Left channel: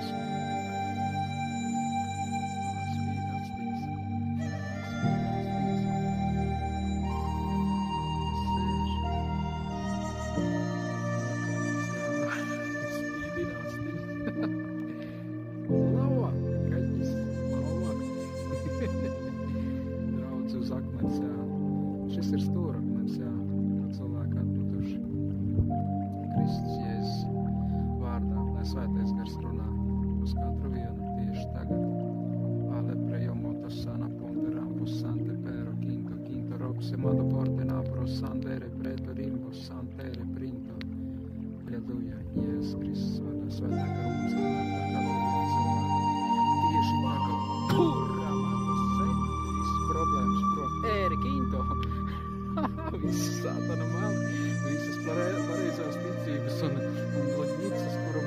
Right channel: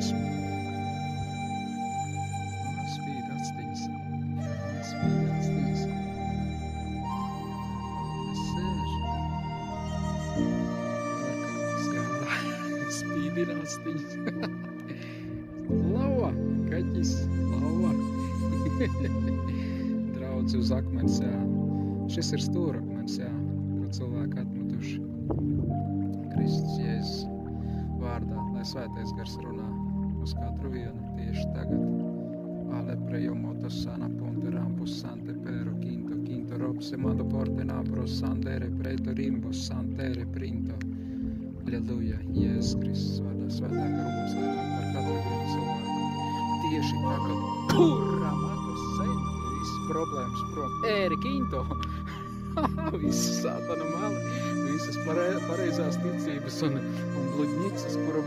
gaismu. Spīd astiņas. Spīd astiņas. Kas sēž? Spīdina astiņas. Lava! Kaķis! Lava! Draudz uz akmens, jā. Šis ir stūrakmens, jā, ko cilvēki atmetuši. Kristus Jēzus vārdā, lai svētais gars runā uz katru vienu tieši tagad. Ale prejomotos sana ponteram pus sante pero quinto roxe mando porte napros sandere preto rimbos santere printo. Aleluja, Jēzus Kristus vārdā, svētā garūs vienā par katru vienu cilvēku. Tieši tagad. Kurra matas sen, viss problēmas prom. Ēri quinto. Visas sātana mali, visas pareizās ticības un bludņicas, kura